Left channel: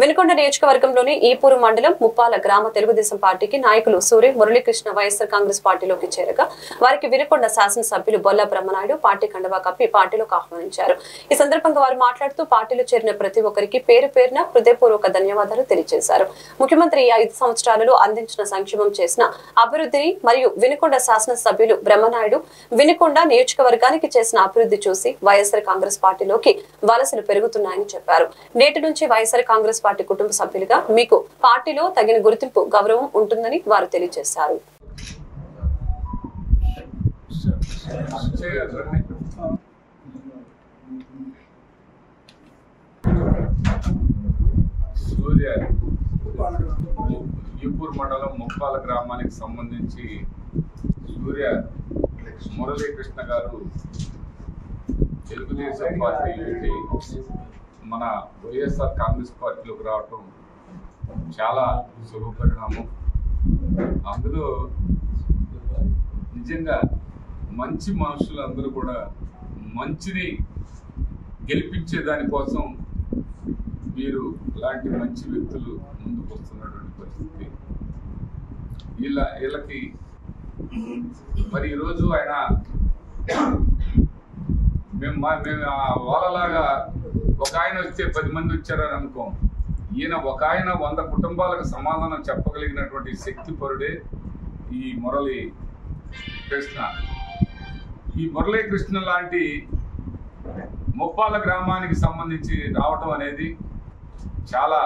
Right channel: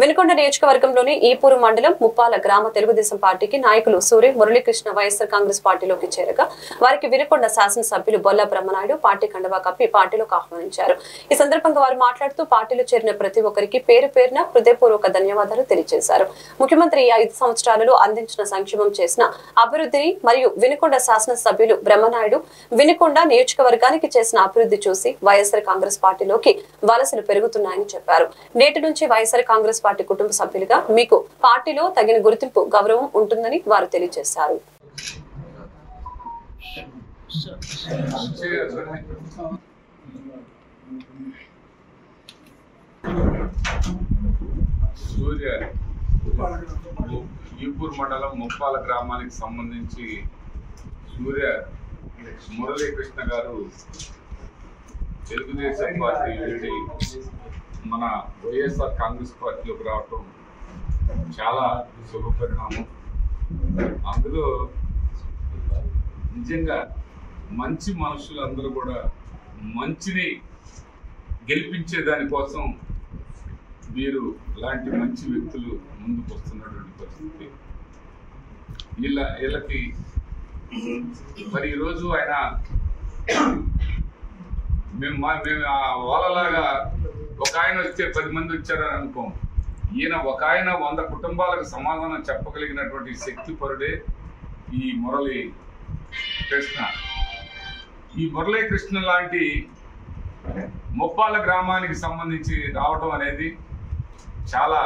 వెనుకొండ నియోజకవర్గంలోని ఈపూరు మండలం ముప్పాల గ్రామ తెలుగుదేశం పార్టీకి నాయకులు సూర్య మురళీకృష్ణ వైఎస్ఆర్ కాంగ్రెస్ పార్టీలోకి చేరగా వారికి వెనుకొండ శాసనసభ్యులు బొల్ల బ్రహ్మనాయుడు పార్టీ కండువా కప్పి పార్టీలోకి ఆహ్వానించారు. ఈ సందర్భంగా వారు మాట్లాడుతూ పార్టీలో చేరిన ప్రతి ఒక్కరికి పేరు పేరున హృదయపూర్వక ధన్యవాదాలు తెలియజేశారు. ముఖ్యమంత్రి ఈ 5 సంవత్సరాలలో అందించిన సంక్షేమం చేసిన అభివృద్ధిని మరియు వెనుకొండ శాసనసభ్యులు బ్రహ్మనాయుడు వెనుకొండ నియోజకవర్గానికి చేసిన అభివృద్ధి చూసి వైఎస్ఆర్ కాంగ్రెస్ పార్టీలోకి వలసలు పెరుగుతున్నాయని చెప్పారు. నేటి నుంచి వైఎస్ఆర్ కాంగ్రెస్ పార్టీ కుటుంబ సభ్యులుగా మీకు పార్టీలో తగిన గుర్తింపు గౌరవం ఉంటుందని వారు తెలియజేశారు. సూర్య ఈపూర్ మండలం ముప్పాల గ్రామానికి సంబంధించి సూర్య మురళీకృష్ణ గారు తెలుగుదేశం పార్టీ నుంచి మన వైఎస్ఆర్ కాంగ్రెస్ పార్టీలోకి రావటం చాలా శుభపరిణామం. అందులో నిజంగా మంచి మనుషులందరూ కూడా మంచిని గెలిపించే దానికోసం మీరు ఇలాంటి మంచి వ్యక్తులు ముందుకు వస్తున్నటువంటి పరిస్థితి. వీళ్ళకి మరి ఈరోజు ఆయన మేము వాళ్ళలాగా ఒక ఆయన వస్తే 10 మంది వచ్చారని అనుకోం. ఈయన ఒక ఆయన 100 కుటుంబాలకు సమాధానం చెప్పగలిగినటువంటి శక్తిపరుడే ఈ మురళీకృష్ణ. ఈ మురళీకృష్ణ లాంటి ముప్పాల గ్రామానికి సంబంధించి రావటం అనేది చాలా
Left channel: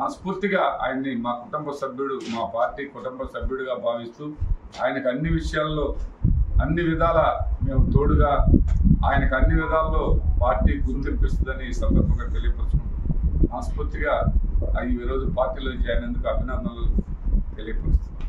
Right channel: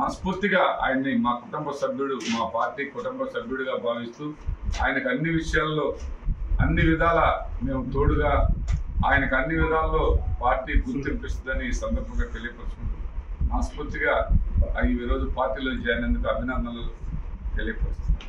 మనస్ఫూర్తిగా ఆయన్ని మా కుటుంబ సభ్యుడు, మా పార్టీ కుటుంబ సభ్యుడిగా భావిస్తూ ఆయనకు అన్ని విషయాల్లో అన్ని విధాల మేము తోడుగా ఆయనకు అన్ని విధాల్లో పార్టీ గుర్తింపిస్తుందని ఈ సందర్భంగా తెలియపరుచుకుంటూ మనస్ఫూర్తిగా ఈరోజు పార్టీలో చేరినందుకు అభినందనలు తెలియపరుస్తున్నాను.